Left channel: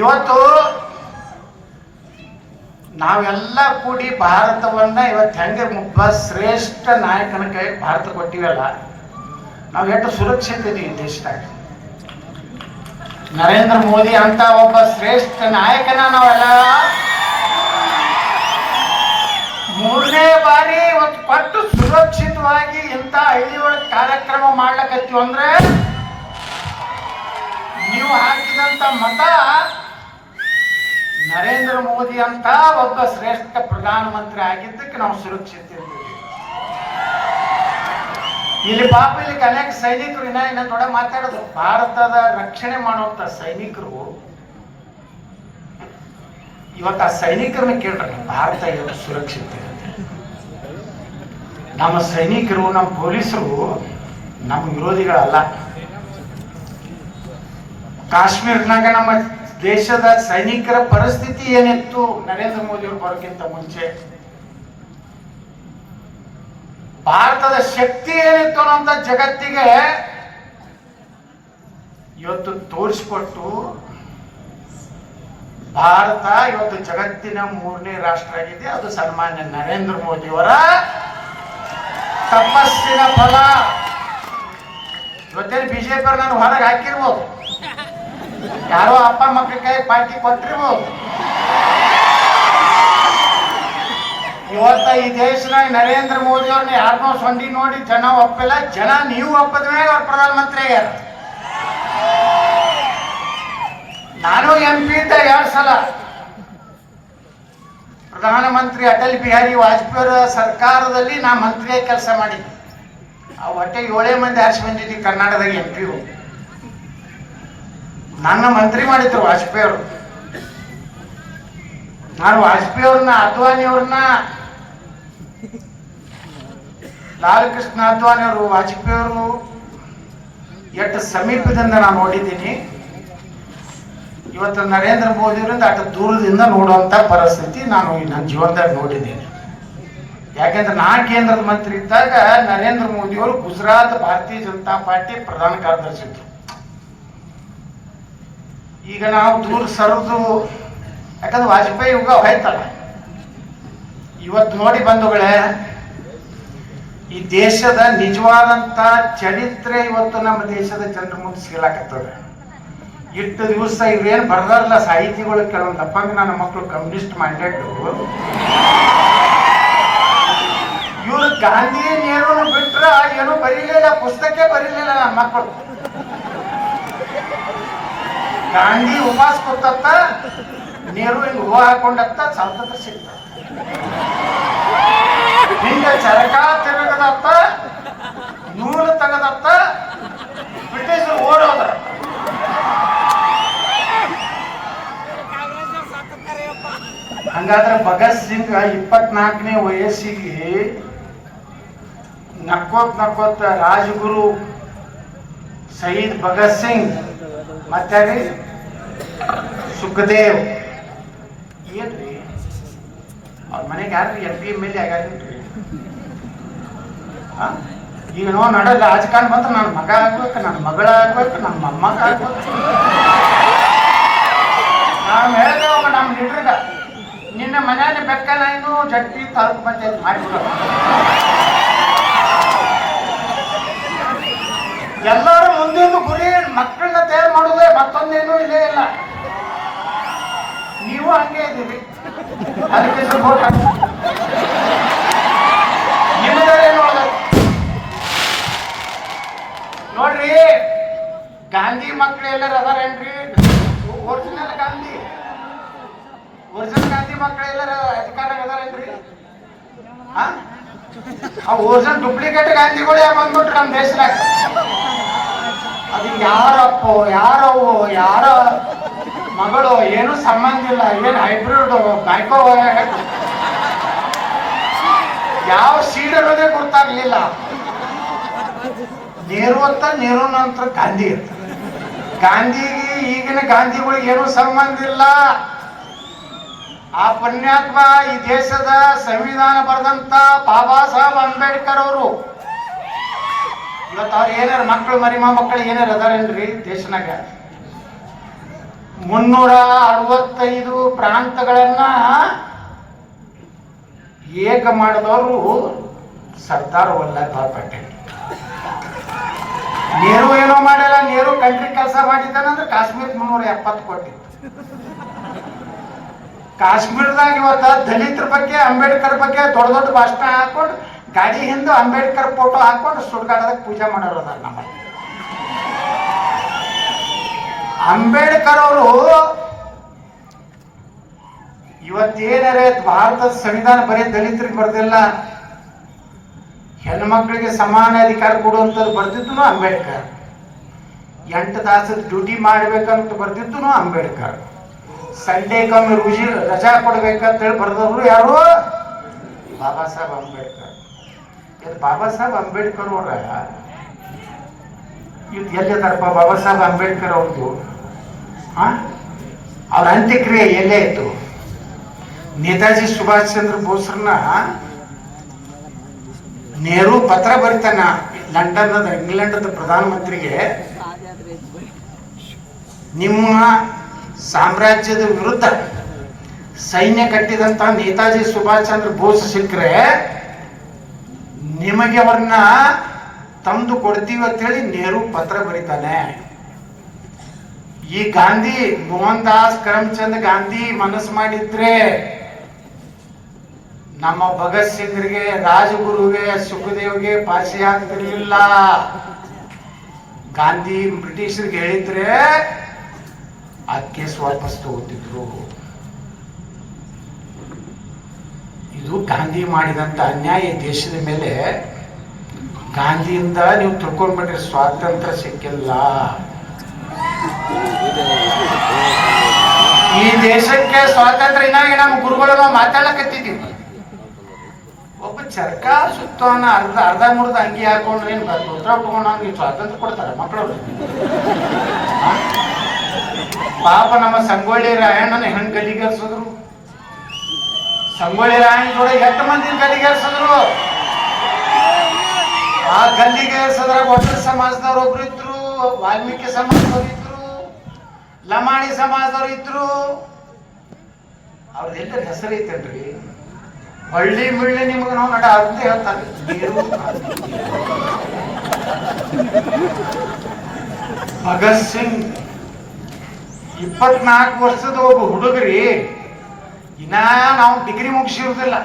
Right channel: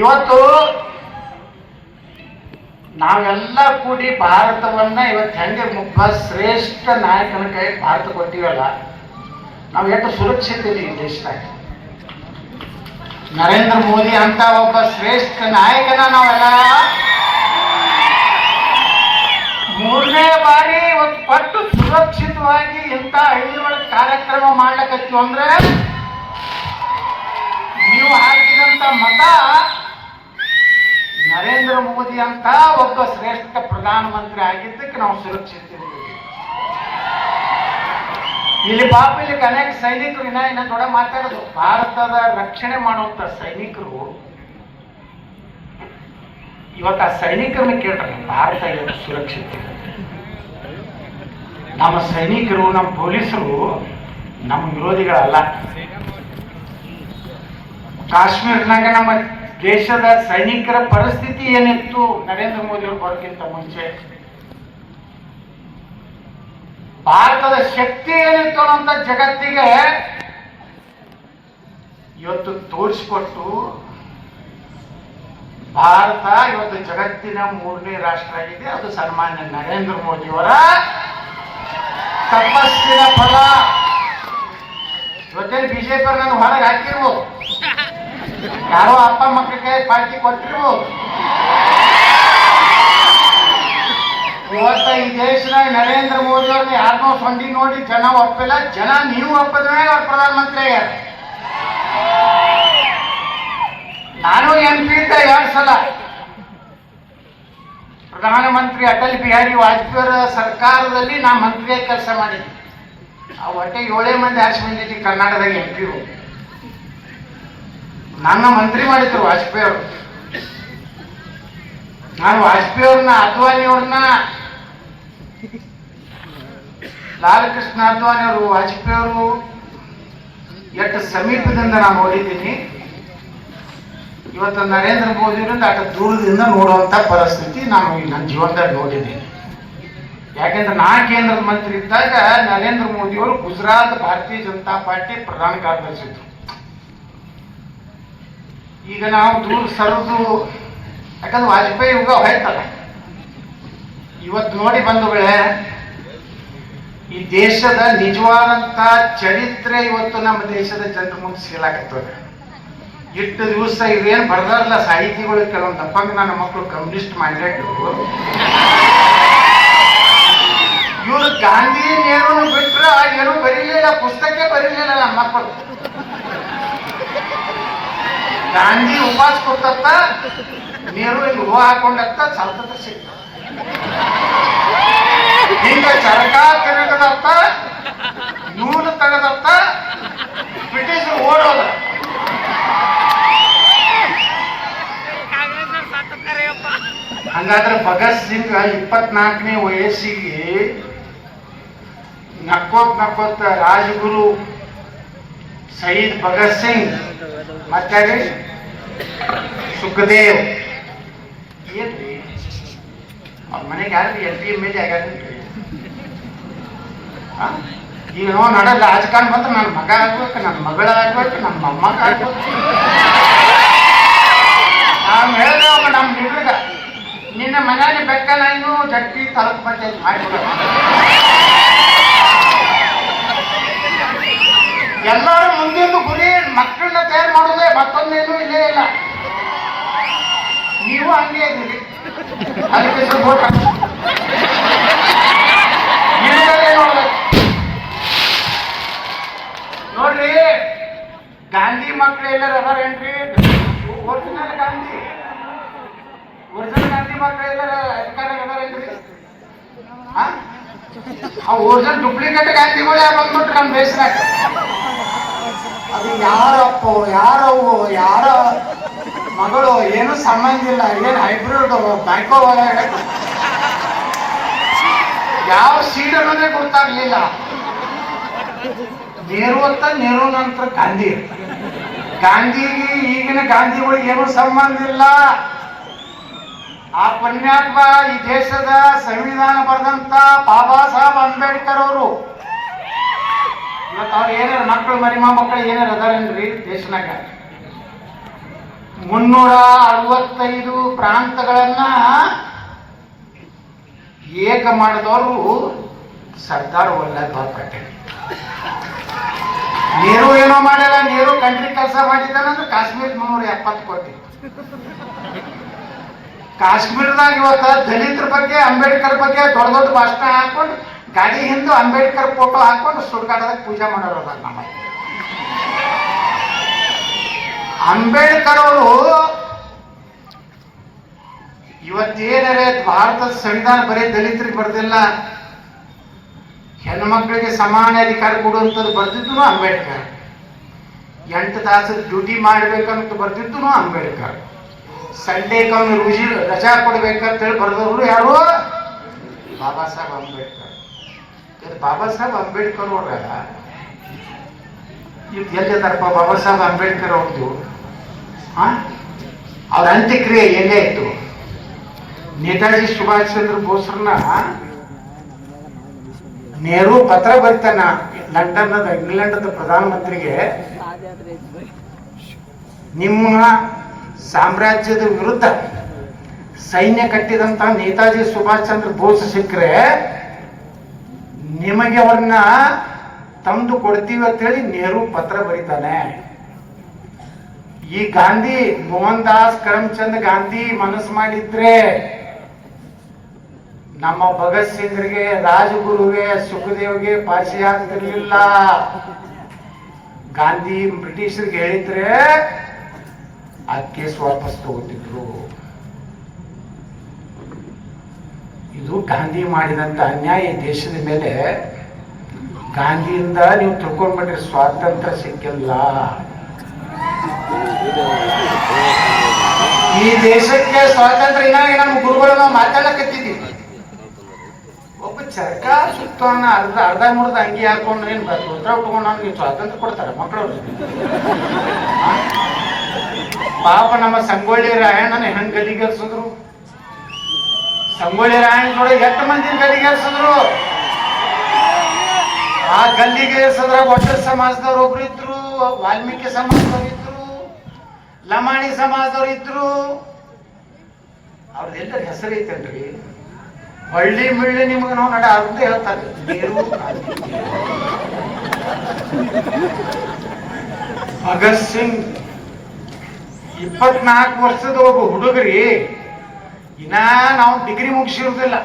ಇವತ್ತು ನಾವೆಲ್ಲ ಕೂಡಿ ಭಾರತವನ್ನ ಇವತ್ತು ಹೆಂಗೆ ಒಬ್ಬ ಶ್ರೇಷ್ಠ ನಾಯಕನ ಕೈ ಭಾರತ ಕೊಟ್ಟಿವಲ್ಲ, ನಾವು ಎಷ್ಟು ಸುರಕ್ಷಿತ ಇಲ್ಲಿ ಈ ದೇಶದಾಗ. ನರೇಂದ್ರ ಮೋದಿ ಅಂತ ಒಬ್ಬ ಶ್ರೇಷ್ಠ ನಾಯಕನ ನಾವೆಲ್ಲ ಮೂರನೇ ಬಾರಿ ಇವತ್ತು ಪಟ್ಟು ಸುರಕ್ಷಿತವಾಗಿ ಇಂಥ ಒಳಗೆ ಕಾರ್ಯಕ್ರಮ ಮಾಡ್ಲಕತ್ತೀವಿ ಅಂದ್ರೆ, ನೀವು ಹಾಕಿದಂತ ಮತ ನರೇಂದ್ರ ಮೋದಿ ಅಂತ ಒಬ್ಬ ಶ್ರೇಷ್ಠ ಪ್ರಧಾನಮಂತ್ರಿ ಆಗಿದ್ದಕ್ಕೆ ನಾವು ಸುರಕ್ಷಿತ. ಇಲ್ಲಿ ಪಾಪ ಇಲ್ಲಿ ಅನೇಕ ಸೈನಿಕರು ಇನ್ನ ಇನ್ನ ದೊಡ್ಡ ಮಾತಾಡೋದು. ಭಾರತದ ರಕ್ಷಣೆ ಮಾಡುವಂತ ಸೈನಿಕರು, ಇವತ್ತು ಆ ಸೈನಿಕರನ್ನ ಕೇಳ್ರಿ ಭಾರತ ಇವತ್ತು ಸುರಕ್ಷಿತ ನಮ್ಮ ಸೈನಿಕರು, ನಮ್ಮ ಪೊಲೀಸರು ನಮ್ಮ ವಿರೋಧಿಗಳಲ್ಲ. ಕಾಶ್ಮೀರ್ನಾಗ ನಮ್ಮ ದೇಶದ ಸೈನಿಕರ ಪರಿಸ್ಥಿತಿ ಏನಿತ್ತು, ನರೇಂದ್ರ ಮೋದಿ ಅವರು ಬರೋಕ್ಕಿಂತ ಮುಂಚೆ? ಭಾರತದ ಶಕ್ತಿ ಏನಿತ್ತು ಅನ್ನೋಂಥ ಜಗತ್ತಿಗೆ ಇವತ್ತು ತೋರಿಸ್ಕೊಟ್ಟು ಭಾರತ ಇವತ್ತು ಜಗತ್ತಿನ ಮೂರನೇ ರಾಷ್ಟ್ರ ಆಗಿದೆ. ಅದು ಸನ್ಮಾನ್ಯ ನರೇಂದ್ರ ಮೋದಿಯವರ ತಪಸ್ಸಿನ ಫಲ. ಇವತ್ತೇನು ಬಿಜೆಪಿ ನಾನು ಹೊರಗೆ ಹಾಕಿರ್ಬೋದು? ಯಾರೋ ಅಪ್ಪ ಮಕ್ಕಳ ಕೈ ಪಾರ್ಟಿ ಕೊಟ್ಟಿರ್ಬೋದು ಇವತ್ತ ಈ ದೇಶದಾಗ ನರೇಂದ್ರ ಮೋದಿ ಅವ್ರನ್ನ ಯಾರನ್ನೋ ಸೊಂಡಿ ನೋಡಿ ಜನ ಒಪ್ಪಿಲ್ಲ. ಜನ ನೀವು ಒಪ್ಪದ ಮೇಲೆ ಅವ್ರು ಪ್ರಧಾನಮಂತ್ರಿ ನಾನು ಎಂ ಪಿ ಇದ್ದೆ ಎರಡು ಸಲ. ಪ್ರಧಾನಮಂತ್ರಿ ಅಟಲ್ ಬಿಹಾರಿ ವಾಜಪೇಯಿ ಸರ್ಕಾರದಲ್ಲಿ ನಾ ಮಂತ್ರಿಯಾಗಿ ಕೆಲಸ ಮಾಡಿದ್ದೆ. ಆ ಒಟ್ಟೆ ಏಳೇ ಮಂದಿ ಆರಿಸಿ ಬಂದಿದ್ವಿ ಕರ್ನಾಟಕದಲ್ಲಿ ಎಂ ಪಿ ನನ್ನ ಮಂತ್ರಿ ಮಾಡಿದ್ರು ವಾಜಪೇಯಿ ಅವರು. ನಾನು ವಾಜಪೇಯಿ ಅವ್ರನ್ನ, ಅದ್ವಾನಿ ಅವ್ರನ್ನ. ಲಾಲ್ ಕೃಷ್ಣ ಅದ್ವಾನಿ ಅವರು, ವಾಜಪೇಯಿ ಅವರು. ಎಷ್ಟು ಸಮೀಪದಿಂದ ನಾನು ನೋಡಿದ್ದೀನಿ. ಇವತ್ತು ನರೇಂದ್ರ ಮೋದಿ ಅವರಿಂದ ಅಷ್ಟು ದೂರದಿಂದ ನೋಡುವಂತ ಪರಿಸ್ಥಿತಿ ನಾನು ನನ್ನ ಜೀವನದಾಗ ನೋಡಿದ್ದೀನಿ. ಯಾಕಂದ್ರೆ ನಾ ಕೇಂದ್ರದ ಮಂತ್ರಿ ಇದ್ದಾಗ ನರೇಂದ್ರ ಮೋದಿ ಅವರು ಗುಜರಾತ್ ಭಾರತೀಯ ಜನತಾ ಪಾರ್ಟಿ ಪ್ರಧಾನ ಕಾರ್ಯದರ್ಶಿ ಇದ್ರು. ಈಗ ನಾವು ದೂರ ಸರಿದು, ಯಾಕಂದ್ರೆ ವಾಜಪೇಯಿ ಯುಗ ಹೋಯ್ತಲ್ಲ. ಇವತ್ತು ನೋಡಿ ಬಂಧುಗಳೇ, ಈ ದೇಶದ ನಿಜವಾದಂತ ಚರಿತ್ರೆ ಇವತ್ತು ನಮ್ಮ ದೇಶದ ಜನರ ಮುಂದೆ ಸಿಗಲಾಕತ್ತದ ಇಟ್ಟು ದಿವಸ ಇವೇನು ಬರ್ದಾರಲ್ಲ ಸಾಹಿತಿಗಳು ಕೆಲವೊಂದು ಅಪ್ಪಂಗ ನನ್ನ ಮಕ್ಕಳು ಕಮ್ಯುನಿಸ್ಟ್ ಮೈಂಡೆಡ್ ಇವರು ಗಾಂಧಿ ನೆಹರು ಬಿಟ್ಟರೆ ಏನು ಬರೀಲಿಲ್ಲ, ಪುಸ್ತಕ ಬರೀಲಿಲ್ಲ ನನ್ನ ಮಕ್ಕಳು ಗಾಂಧಿ ಉಪವಾಸ ಕೊಡ್ತತ್ತ ನೆಹರು ಹಿಂಗ್ ಹೂ ಹಾಕೊಂಡತ್ತ ಸ್ವಲ್ಪ ಸಿಗ್ತ. ಹಿಂಗ ಚರಕ ತಿರುಗದತ್ತ ನೂಲು ತೆಗದತ್ತ ಬ್ರಿಟಿಷರು ಓಡೋದ. ಹಂಗಾದ್ರೆ ಭಗತ್ ಸಿಂಗ್ ಇಪ್ಪತ್ನಾಲ್ಕನೇ ವಯಸ್ಸಿಗೆ ನಕ್ಕೋತ್ ನಕ್ಕೋತ್ ರಾಜಗುರು ಶಹೀದ್ ಭಗತ್ ಸಿಂಗ್ ಮತ್ತೆ ಸುಖದೇವ್. ಏನ್ರಿ? ಅವ್ರ ಮನೆಗೆ ಯಾರು ಎಲ್ ಪಿ ಎಂ ಎಲ್ ಆಗ್ಯಾರ? ಈಗ ನಾವು ನಡಲ್ಲ, ರಾಜಕಾರಣ ಬಂದ್ರೆ ನನ್ನ ಮಗ ಆಗ್ಬೇಕು ನನ್ನ ಮಗಳ ಆಗ್ಬೇಕು ನಮ್ಮ ಮೊಮ್ಮಗ ಆಗ್ಬೇಕು. ನಾನು ಹೇಳಿದೆ ಅವ ನಮ್ಮ ಹುಡುಗ ನಿನ್ನ ಮನೆಯಲ್ಲಿ ಬೆಕ್ಕನ ಏನು, ಜಟ್ಟಿ ತಾಲೂಕು ಬಂದೆ ಮಾಡಿಬಿಡ ಎಲ್ಲರೂ ಮುಂದಿನ ಗುರಿ ಮಕ್ಕಳನ್ನ ತಯಾರು ಮಾಡೋದೇ ಮತ್ತೊಂದೇನು ಇಲ್ಲೇ ಇಲ್ಲ. ನೀವು ಹಂಗೆ ಇದ್ದೀರಿ. ಅದಕ್ಕೆ ಸಪೋರ್ಟ್ ನೋಡ್ರಿ, ಗಾಂಧಿ ಮಕ್ಕಳು ಎಲ್ಲರೂ ಅದಾರೇನ್ರಿ? ಒರಿಜಿನಲ್ ಗಾಂಧಿ. ಒರಿಜಿನಲ್ ಗಾಂಧಿ ಮಕ್ಕಳು ಎಲ್ಲರ ಅಧಿಕಾರ ಅದಾರೇನ್ರಿ? ಆ? ಒರಿಜಿನಲ್ ಡೂಪ್ಲಿಕೇಟ್ ಗಾಂಧಿಗಳೇ ಬಂದ್ಬಿಟ್ರು ನಮ್ಮ ದೇಶದಾಗ. ಅದು ಯಾರಪ್ಪೋ ಯಾರವು ಯಾರ ಮಗಳು, ಏನು ಸಂಬಂಧ ಇಲ್ಲ. ಏನು ಹೈಬ್ರಿಡ್ ಬ್ಯಾಂಕೋ ಯಾವ ಸೀಡ್ ಅನ್ನೋದೇ ಗೊತ್ತಾಗ್ಲಿಲ್ಲ. ನೇರು ಅಂತ ನೇರು ನಂತರ ಗಾಂಧಿ. ಗಾಂಧಿಗೆ ಈಗಿನ ಗಾಂಧಿಗಳಿಗೆ ಏನು ಸಂಬಂಧ ಇಲ್ಲ. ಆ ಪುಣ್ಯಾತ್ಮ ಈ ದೇಶದ ಸಂವಿಧಾನ ಬರೆದಂತ ಬಾಬಾ ಸಾಹೇಬ್ ಅಂಬೇಡ್ಕರ್ ಅವರು ಇವತ್ತು ಅವ್ರು ಏನಾರ ಮಕ್ಕಳು ಮರಿ ಮೊಮ್ಮಕ್ಕಳು ಏನಾರ ಅದಾರೇನ್ರಿ ದೇಶನಾಗ? ಮುನ್ನೂರ ಅರವತ್ತೈದು ಪ್ರಾಂತಗಳನ್ನ ಏಕ ಮಾಡಿದವರು ಸರ್ದಾರ್ ವಲ್ಲಭಾಯ್ ಪಟೇಲ್. ನೀರು ಏನೋ ಮಾಡಲ್ಲ ನೀರು ಕಂಟ್ರಿ ಕೆಲಸ ಮಾಡಿದ್ದಾನಂದ್ರೆ ಕಾಶ್ಮೀರ ಮುನ್ನೂರ ಎಪ್ಪತ್ತು ಕೋಟಿ. ಕಾಶ್ಮೀರದಾಗ ಇವತ್ತ ದಲಿತರ ಬಗ್ಗೆ, ಅಂಬೇಡ್ಕರ್ ಬಗ್ಗೆ ದೊಡ್ಡ ದೊಡ್ಡ ಭಾಷಣ ಹಾಕೊಂಡು ಗಾಡಿ ಹಿಂದೆ ಅಂಬೇಡ್ಕರ್ ಫೋಟೋ ಹಾಕೊಂಡು ಸುಡ್ಗಾಡದಾಗ ಪೂಜೆ ಮಾಡೋರು ಅದಾರ ನಮ್ಮ. ಅಂಬೇಡ್ಕರ್ ಅವರು ಇವತ್ತೇನರೆ ಭಾರತದ ಸಂವಿಧಾನ ಬರೀ ದಲಿತರಿಗೆ ಬರ್ದಿಲ್ಲ, ಹೆಣ್ಮಕ್ಳಿಗೆ ಸಮಾನ ಅಧಿಕಾರ ಕೊಡುವಂಥದ್ದು ಬರ್ದಿದ್ದು ಅಂಬೇಡ್ಕರ್. ಎಂಟು ತಾಸದ ಡ್ಯೂಟಿ ಮಾಡ್ಬೇಕಂತ ಬರ್ತಿದ್ದು ಅಂಬೇಡ್ಕರ್. ಸಂಡೇಗೊಮ್ಮೆ ರುಜಿ ರಜಾ ಕೊಡ್ಬೇಕಂತೇಳಿ ಬರ್ದವರು ಯಾರು? ಬಾಬಾ ಸಾಹೇಬ್ ಅಂಬೇಡ್ಕರ್. ಇದು ಬಾಬಾ ಸಾಹೇಬ್ ಅಂಬೇಡ್ಕರ್ ಅವ್ರ ಇದು ಎಲ್ಲಿದಾರಪ್ಪ ಬಾಬಾ ಸಾಹೇಬ್ ಅಂಬೇಡ್ಕರ್ ಅವ್ರದ್ದು ಅವ್ರ ಅಂತ್ಯಕ್ರಿಯೆ ಎಲ್ಲೇ ಇತ್ತು ನೇತಾಜಿ ಸುಭಾಷ್ ಚಂದ್ರ ಬೋಸ್ರನ್ನ ನೆಹರು ಪತ್ರ ಬರ್ತಾನ ಲಂಡನ್ ಇಂಗ್ಲೆಂಡ್ ಪ್ರಧಾನಮಂತ್ರಿಗೆ. ನಿಮ್ಮ ಸಾಮ್ರಾಜ್ಯದ ವಿರುದ್ಧ ಸೈನ್ಯ ಕಟ್ಟಿದಂತ ನೇತಾಜಿ ಸುಭಾಷ್ ಚಂದ್ರ ಬೋಸ್ ಸಿಕ್ಕರೆ ನಿಮಗೆ ಅವ್ರನ್ನ ತಂದು ಕೊಡ್ತೀವಿ ಅಂತೇಳಿ ನೆಹರು ಪತ್ರ ಬರೀತಾನೆ. ಈ ಗಾಂಧಿ ಮೋಹನ್ ದಾಸ್ ಕರಮ್ಚಂದ್ ಗಾಂಧಿ ಮನಸ್ಸು ಮಾಡಿದ್ರೆ ನಮ್ಮ ಭಗತ್ ಸಿಂಗ್ರಿಗೆ, ರಾಜಗುರುಗೆ, ಸುಖದೇವ್ಗೆ ಪಾಸಿ ಆಗ್ತಿರ್ಲಿಲ್ಲ. ಗಾಂಧಿ ಬ್ರಿಟಿಷರಿಗೆ ಹೇಳಿದ್ರೆ ಅದಕ್ಕೆ ವಾಪಸ್ ತಗೋತಿದ್ರು ಇದು ಗಾಂಧಿ ಮಾಡಿದಂತ ಅನ್ಯಾಯ ದೇಶದ ಮೇಲೆ. ಗಾಂಧಿಯಿಂದ ನೀವು ತಿಳ್ಕೊಂಡ್ಬಿಟ್ರೆ ಸ್ವಾತಂತ್ರ್ಯ ಸಿಕ್ಕಿಲ್ಲ. ಈ ದೇಶಕ್ಕೆ ಸ್ವಾತಂತ್ರ್ಯ ನಮ್ಮ ಗುರುಗಳು ನಾವು ಮಾತಾಡಕತ್ತಿದ್ದೀವಿ ಒಬ್ಬ ಚರ್ಕ ಸುತ್ತವನ್ನ ಅರ್ಧ ಅರ್ಧ ಮುರ್ಧ ಅಂಗಿ ಹಾಕೊಂಡು ಏನ್ ಉತ್ತರ ಉಟ್ಕೊಂಡು ನೀವು ಸ್ವಾತಂತ್ರ್ಯ ಕೊಡ್ತಾರೆ ಮಕ್ಕಳವ್ರು ಪಾಪ ನಮ್ಮ ಸಂಗೊಳ್ಳಿ ರಾಯಣ್ಣನ ಹೆಂಗ್ ಗಲಿಗೇರ್ಸಿದ್ರು ಸಂಗೊಳ್ಳಿ ರಾಯಣ್ಣ ನೋಡಿ ಎಷ್ಟು ಮಂದಿ ಗಲ್ಲಿಗೇರಿಸಿದ್ರು ಆ ಗಲ್ಲಿಗೇರಿಸಿದ್ರ ಒಟ್ಟ ಸಮಾಜದವ್ರು ಒಬ್ರು ಇದ್ರು, ವಾಲ್ಮೀಕಿ ಸಮಾಜದವ್ರು ಇದ್ರು, ಲಮಾಣಿ ಸಮಾಜದವ್ರು ಇದ್ರು. ಅವ್ರದ್ದೆಲ್ಲರ ಹೆಸರು ಐತಲ್ರಿ ಹಳ್ಳಿ ಮಿಳ್ಳಿ ನಿಮ್ಗೆ ನಾವು ನಡ ಅವ್ರದ್ದೇ ಹೇಳ್ತಾರೆ. ಭಗತ್ ಸಿಂಗ್ ಇಪ್ಪತ್ನಾಲ್ಕು ವರ್ಷದ ಒಬ್ಬ ಹುಡುಗರಿ ಇನ್ನ ನಾವು ಡಿಗ್ರಿ ಮುಗಿಸಿರುದಿಲ್ಲ.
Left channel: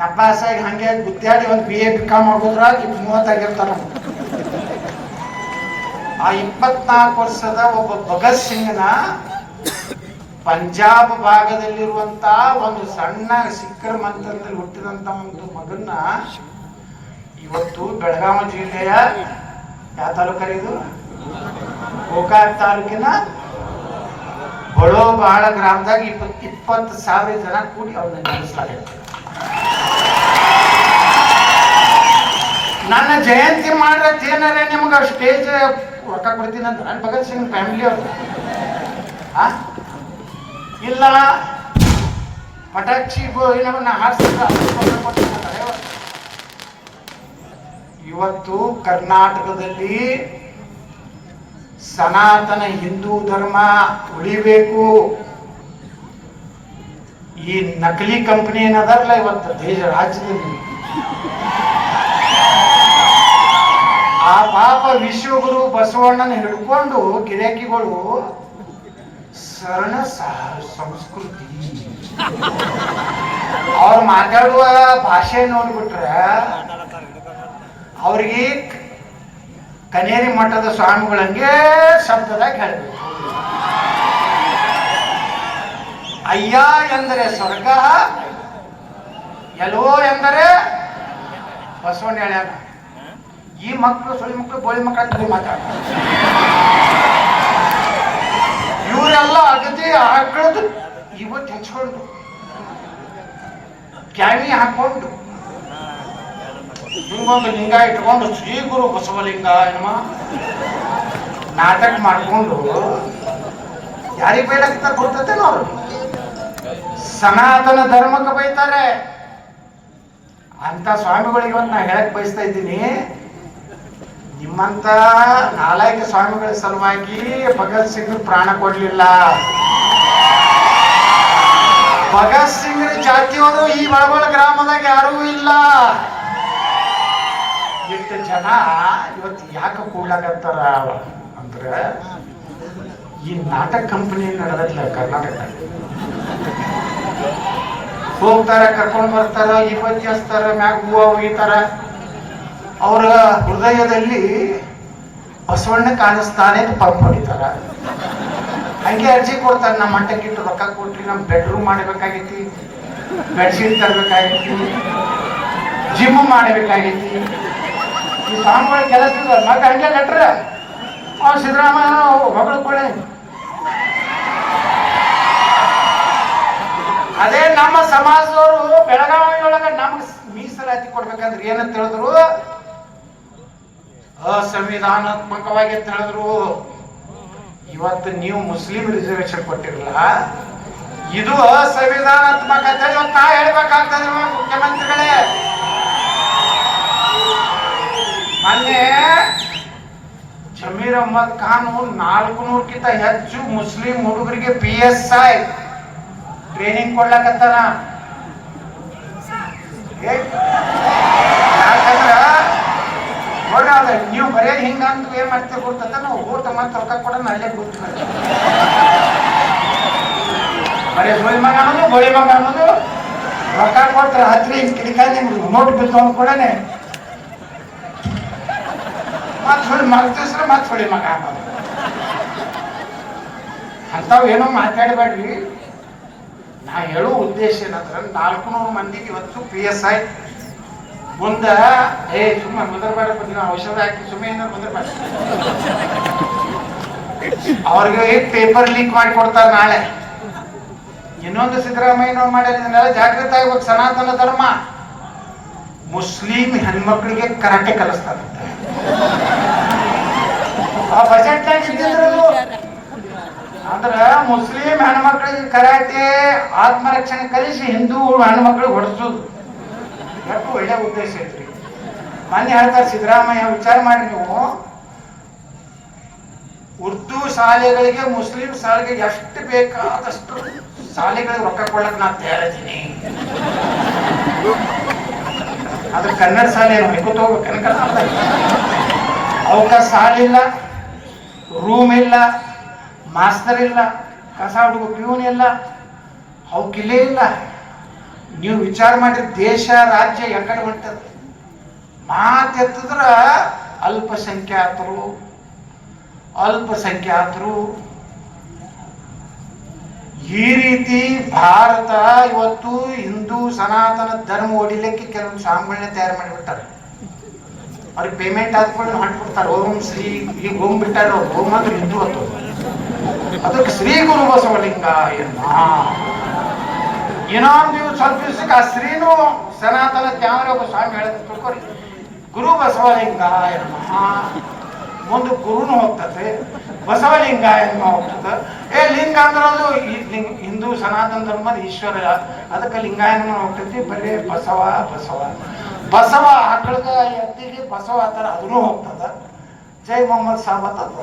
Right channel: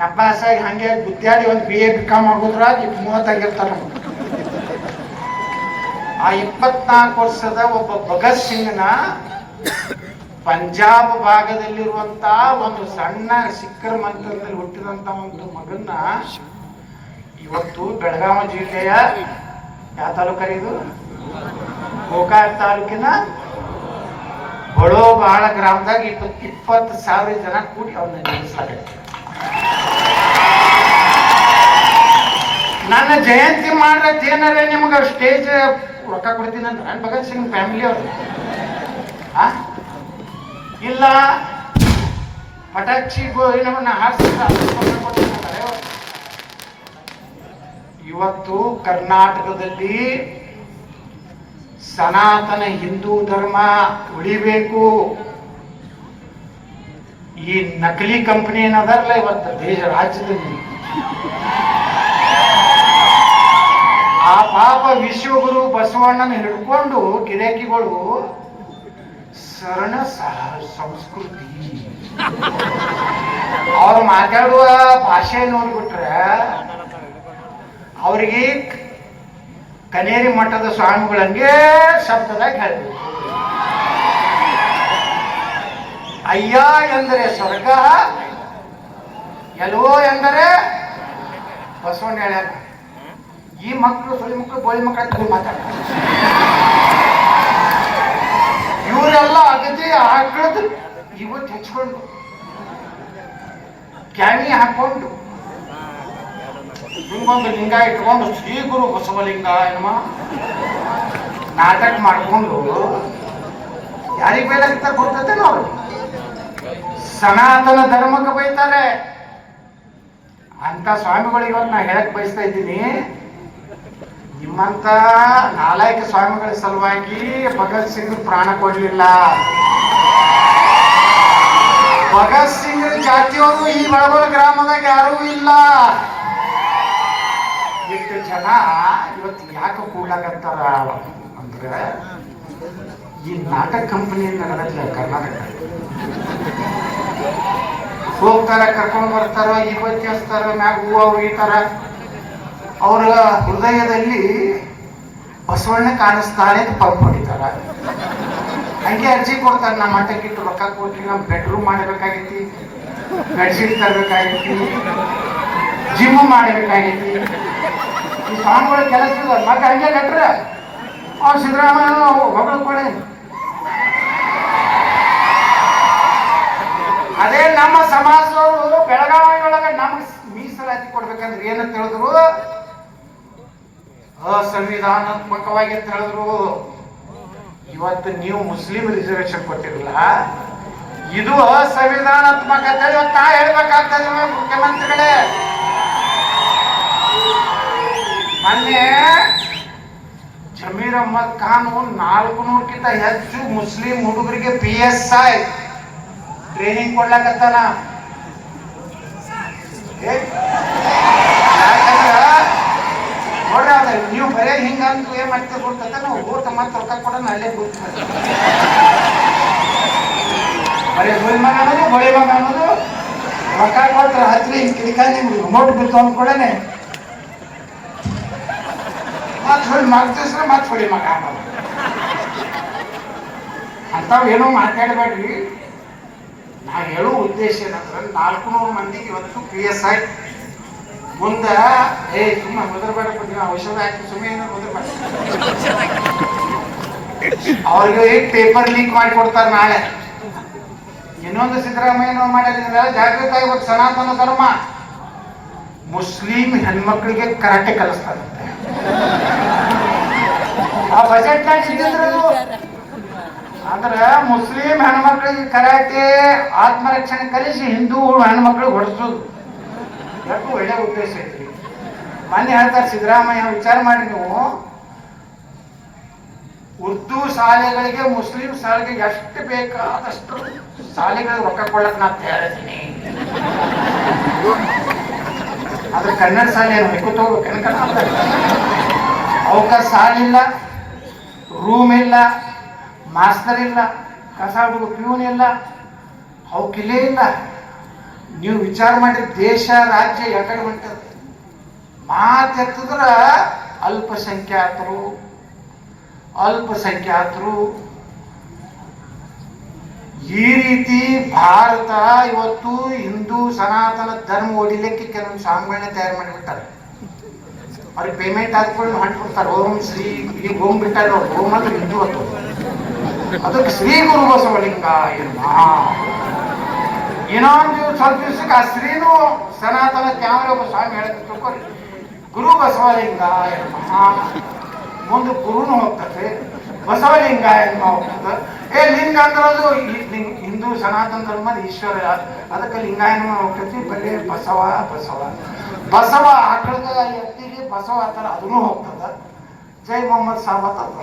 ನಬ್ಬಾಸಾಗಿ ಹಂಗೆ ಗುದ್ದಾಡಿ ಒಂದು ಬಿ ಎ ಬಿ ಕಾಮ್ ಆಗೋದ್ರ ಮೂವತ್ತಾಗಿರ್ತಾರ ನಮ್ಗೆ. ಆ ಇಪ್ಪತ್ನಾಲ್ಕು ವರ್ಷದ ಒಬ್ಬ ಭಗತ್ ಸಿಂಗ್ನ ಪಂಜಾಬ್ ಭಾಗದಲ್ಲಿರುವಂತ ಒಂದು ಸಣ್ಣ ಸಿಕ್ಕರ ಮಂತ್ರದಲ್ಲಿ ಹುಟ್ಟಿದಂತ ಒಂದು ಮಗನ್ನ ಇವತ್ತು ಬೆಳಗಾವಿ ಜಿಲ್ಲೆಯ ಯಾವ ತಾಲೂಕರಿ ಇದು? ಗೋಕಾಕ್ ತಾಲೂಕಿನ ಬಡೋ ಬಹಳ ಗ್ರಾಮದಾಗ ಇಪ್ಪತ್, ಇಪ್ಪತ್ತು ಸಾವಿರ ಜನ ಕೂಡಿ ಅವ್ರನ್ನ ನೆನೆಸ್ಲಾಗತ್ತೆ ನನ್ನ ಜಯಂತಿ ಮಾಡ್ರತ್ ಏನಾರ ನಿಮ್ಗೆ ಸ್ಟೇಜ್ ರೊಕ್ಕ ಕೊಡ್ತೀನಿ ಅಂತ ನನ್ನ ಭಗತ್ ಸಿಂಗ್ ಫ್ಯಾಮಿಲಿ ಅವ್ರು? ಇಲ್ಲ ಪಟಾಕ್ಷಿ ಏನವನ್ನ ಹಾರಿಸಿದ್ರೆ. ಇವತ್ತು ಕರ್ನಾಟಕದಲ್ಲಿ ಸನಾತನ ಹಿಂದೂ ಧರ್ಮ ಉಳಿಬೇಕು. ಈ ನಕಲಿ ಕಂಪನಿ ಏನದಾರಲ್ಲ ಇವತ್ತು ದೇಶ ರಾಜ್ಯದಲ್ಲಿ ಆ ಪಾಪ ವಿಶ್ವಗುರು ಬಸವಣ್ಣನ ಹಿಡ್ಕೊಂಡು ಗಿರಾಕಿಗಳು ಸರಣ ಸಂಸ್ಕೃತಿ. ಅವ್ರು ಮಾತಾಡುವ ಭಾಷೆ ನೋಡ್ಬಿಟ್ರೆ ಅವ್ರಿಗೆ ಕನೇರಿ ಮಠದ ಸ್ವಾಮಿಗಳಂಗೆ ಶಬ್ದದಾಗ ಹೇಳ್ಬೇಕು. ಅಯ್ಯ ಎಂದರೆ ಸ್ವರ್ಗ, ಎಲ್ಲೋ ಎಂದರೆ ಬಸವಣ್ಣ ಹೇಳ್ಯಾನ ಈ ಮಕ್ಕಳು ಸುಳಿ ಮಕ್ಕಳು ಬೋಳಿ ಮಕ್ಕಳು ಮಾತಾಡ್ತಾರೆ. ಇವರೆಲ್ಲ ಅಗತಿ ಆಕಳದು ಇವತ್ತು ಹೆಚ್ಕೊಂಡು. ಕ್ಯಾಮಿ ಹಾಕೊಂಡು ಹಿಂಗೊಂದು ಲಿಂಗ ಇಟ್ಕೊಂಡು ಶ್ರೀ ಗುರು ಬಸವಲಿಂಗ, ಏನಮ್ಮ? ನಾಟಕ ಮಾಡ್ಕೊಂಡು ಯಾರಿಗೆ ಬೈಲಾಕಿರ್ತಾರೆ ಗೊತ್ತೇನೋ ಅವರು? ಸನಾತನ ಧರ್ಮಕ್ಕೆ ಬೈತಾರೆ. ಅಂತ ಸ್ವಾಮಿಗಳಿಗೆ ಇವತ್ತು ನಾ ಹೇಳಕ್ ಬಯಸ್ತಾ ಇದ್ದೀನಿ. ನಿಮ್ಮಂತ ನಾಲಾಯಕ ಸ್ವಾಮಿಗಳ ಸಲುವಾಗಿ ಭಗತ್ ಸಿಂಗ್ ಪ್ರಾಣ ಕೊಡ್ಲಿಲ್ಲ. ಭಗತ್ ಸಿಂಗ್ ಜಾತಿಯವರು ಈ ಬಡಬಡ ಗ್ರಾಮದಾಗ ಯಾರೂ ಇಲ್ಲ. ಎಷ್ಟು ಜನ ಇವತ್ತು ಯಾಕೆ ಕೂಡ್ಲಾಕತ್ತಾರ ಅಂದ್ರೆ ಈ ನಾಟಕ ಕಂಪನಿ ನಡೆದಿಲ್ಲ ಕರ್ನಾಟಕ ಹೋಗ್ತಾರ, ಕರ್ಕೊಂಡು ಬರ್ತಾರ ಇವತ್ತು ಹಚ್ತಾರ, ಮ್ಯಾಗ ಹೂವು ಒಗಿತಾರ ಅವರ ಹೃದಯದಲ್ಲಿ ಬಸವಣ್ಣ ಕಾಣಿಸ್ತಾನೆ ಅಂತ ಪಂಪ್ ಹೊಡಿತಾರ ಹಂಗೆ ಅರ್ಜಿ ಕೊಡ್ತಾರೆ, ನಮ್ಮ ಮಂಟಕ್ಕಿಟ್ಟು ರೊಕ್ಕ ಕೊಟ್ರಿ ನಮ್ಮ ಬೆಡ್ರೂಮ್ ಮಾಡಬೇಕಾಗೈತಿ ಬೆಡ್ಶೀಟ್ ತರಬೇಕಾಗೈತಿ ಜಿಮ್ ಮಾಡಬೇಕಾಗೈತಿ ಈ ಸಾಂಬಾರ ಕೆಲಸ ಮತ್ತೆ ಹಂಗೆ ಕಟ್ರ. ಅವ್ನು ಸಿದ್ದರಾಮಯ್ಯ ಹೊಗಳು ಕೊಡೆ ಅದೇ ನಮ್ಮ ಸಮಾಜದವರು ಬೆಳಗಾವಿ ಒಳಗೆ ನಮ್ಗೆ ಮೀಸಲಾತಿ ಕೊಡ್ಬೇಕಂದ್ರೆ ಏನಂತ ಹೇಳಿದ್ರು? ಅಸಂವಿಧಾನಾತ್ಮಕವಾಗಿ ಅಂತ ಹೇಳಿದ್ರು. ಇವತ್ತು ನೀವು ಮುಸ್ಲಿಂ ರಿಸರ್ವೇಶನ್ ಕೊಟ್ಟಿರಲ್ಲ, ಇದು ಅಸಂವಿಧಾನಾತ್ಮಕ ಅಂತ ಹೇಳಿ ಹೇಳ್ಬೇಕಾಗ್ತದೆ ಮುಖ್ಯಮಂತ್ರಿಗಳೇ. ಮೊನ್ನೆ ಜಮೀರ್ ಅಹ್ಮದ್ ಖಾನ್ ನಾಲ್ಕು ನೂರಕ್ಕಿಂತ ಹೆಚ್ಚು ಮುಸ್ಲಿಂ ಹುಡುಗರಿಗೆ ಪಿ ಎಸ್ ಐ ಟ್ರೈನಿಂಗ್ ಕೊಡ್ಲಕತ್ತಾನ. ನೋಡ್ರಿ ಅದ ನೀವು ಬರೇ ಹಿಂಗಂತ ಏನ್ ಮಾಡ್ತೀವಿ ಗೊತ್ತಂತ ನಾವು ಊಟ ಮತ್ತೆ ರೊಕ್ಕ ಕೊಡೋಣ ಅಲ್ಲೇ ಗುರ್ತು ಬರೀ ಗುಳಿ ಮಗ ಅನ್ನೋದು ಗೋಳಿ ಮಗ ಅನ್ನೋದು, ರೊಕ್ಕ ಕೊಟ್ರೆ ಹತ್ರಿ ಹಿಂಗ್ ಕಿಡಿಕಾಯಿ ನಿಮ್ಗೆ ನೋಟ್ ಬಿಡ್ಕೊಂಡು ಕೊಡನೆ ಮತ್ತೆ ಸುಳಿ ಮಗ್ತಿಸ್ರೆ ಮತ್ತೆ ಸುಳಿ ಮಗ ಅಂಥವು ಏನೋ ಮಾತಾಡಬೇಡ್ರಿ. ನಾ ಹೇಳೋ ಉದ್ದೇಶ ಏನಂದ್ರೆ ನಾಲ್ಕು ನೂರು ಮಂದಿಗೆ ಇವತ್ತು ಪಿ ಎಸ್ ಐ ಮುಂದ, ಏ ಸುಮ್ಮ ಮುದ್ರಬೇಡ ಬಂದಿನ ಔಷಧ ಹಾಕಿ ಸುಮ್ಮನೆ ಮುದರ್ಬೇಡ. ಅವ್ರಿಗೆ ಪೇಪರ್ ಲೀಕ್ ಮಾಡಿ ಕೊಡ್ತಾರೆ ನಾಳೆ. ಇನ್ನೊಂದು ಸಿದ್ದರಾಮಯ್ಯನವ್ರು ಮಾಡಿದ್ರೆ ಜಾಗೃತ ಆಗ್ಬೇಕು, ಸನಾತನ ಧರ್ಮ. ಮುಸ್ಲಿಂ ಹೆಣ್ಮಕ್ಳಿಗೆ ಕರಾಟೆ ಕಲಿಸ್ತಾರಂತೆ ಆ ಬಜೆಟ್ನಾಗ ಅಂದ್ರೆ ಅಂದ್ರ ಮುಸ್ಲಿಂ ಹೆಣ್ಮಕ್ಳಿಗೆ ಕರಾಟೆ, ಆತ್ಮರಕ್ಷಣೆ ಕಲಿಸಿ ಹಿಂದೂ ಹೆಣ್ಮಕ್ಳಿಗೆ ಹೊಡೆಸೋದು. ಯಾಕೂ ಒಳ್ಳೆ ಉದ್ದೇಶ ಐತ್ರಿ. ಮೊನ್ನೆ ಹೇಳ್ತಾರೆ, ಸಿದ್ದರಾಮಯ್ಯ, ವಿಚಾರ ಮಾಡಿ ನೀವು. ಉರ್ದು ಶಾಲೆಗಳಿಗೆ ಮುಸ್ಲಿಂ ಶಾಲೆಗೆ ಎಷ್ಟು ಬೇಕಾದಷ್ಟು ಶಾಲೆಗಳಿಗೆ ರೊಕ್ಕ ಕೊಡ್ಲಕ್ಕೆ ನಾನು ತಯಾರಿದ್ದೀನಿ. ಆದ್ರೆ ಕನ್ನಡ ಶಾಲೆ ಏನು? ಹೊಯ್ಕೊತ ಹೋಗ್ಬೇಕು? ಕನ್ನಡ ಅವಕಾಶ ಸಾಲಿಲ್ಲ ರೂಮ್ ಇಲ್ಲ ಮಾಸ್ತರ್ ಇಲ್ಲ, ಕಸ ಹುಡುಗ ಪ್ಯೂನ್ ಇಲ್ಲ, ಅವಕ್ಕಿಲ್ಲೇ ಇಲ್ಲ. ನೀವು ವಿಚಾರ ಮಾಡಿ ದೇಶ, ರಾಜ್ಯ ಎಕಡೆ ಹೊಂಟದ. ಮಾತೆತ್ತಿದ್ರ ಅಲ್ಪಸಂಖ್ಯಾತರು ಅಲ್ಪಸಂಖ್ಯಾತರು ಈ ರೀತಿ ಭಾರತ ಇವತ್ತು ಹಿಂದೂ ಸನಾತನ ಧರ್ಮ ಹೊಡಿಲಿಕ್ಕೆ ಕೆಲವೊಂದು ಸ್ವಾಮಿಗಳನ್ನ ತಯಾರು ಮಾಡಿಬಿಟ್ಟಾರೆ. ಅವ್ರಿಗೆ ಪೇಮೆಂಟ್ ಹಾಕ್ಕೊಂಡು ಮಾಡಿಬಿಡ್ತಾರೆ ಓಂ ಶ್ರೀ ಈಗ ಓಂ ಬಿಟ್ಟಾರೆ. ಅವ್ರು ಓಂ ಅಂದ್ರೆ ಹಿಂದೂ ಅಂತ ಅದಕ್ಕೆ ಶ್ರೀ ಗುರು ಬಸವಲಿಂಗ ಇನ್ನೊಂದು ಸ್ವಲ್ಪ ದಿವಸಕ್ಕೆ ಆ ಶ್ರೀನು ಸನಾತನ ತ್ಯಾವರ ಒಬ್ಬ ಸ್ವಾಮಿ ಹೇಳಿದ್ರು ತಿಳ್ಕೊರಿ. ಗುರು ಬಸವಲಿಂಗ ಮುಂದೆ ಗುರುನು ಹೋಗ್ತದೆ. ಬಸವಲಿಂಗ ಲಿಂಗಾಯನ ಹೋಗ್ತದೆ. ಏ, ಲಿಂಗ ಅಂದ್ರೆ ಅದು ಈ ಲಿಂಗ, ಹಿಂದೂ ಸನಾತನ ಧರ್ಮದ ಈಶ್ವರ, ಅದಕ್ಕೆ ಲಿಂಗಾಯನ ಹೋಗ್ತೈತಿ, ಬರೀ ಬಸವ ಬಸವ. ಬಸವ ಆಕಳದ ಎತ್ತಿಗೆ ಬಸವ ಆ ಥರ ಅದನ್ನು ಹೋಗ್ತದ. ಜೈ ಮೊಹಮ್ಮದ್ ಸಾಬತ್ ಅಂತ.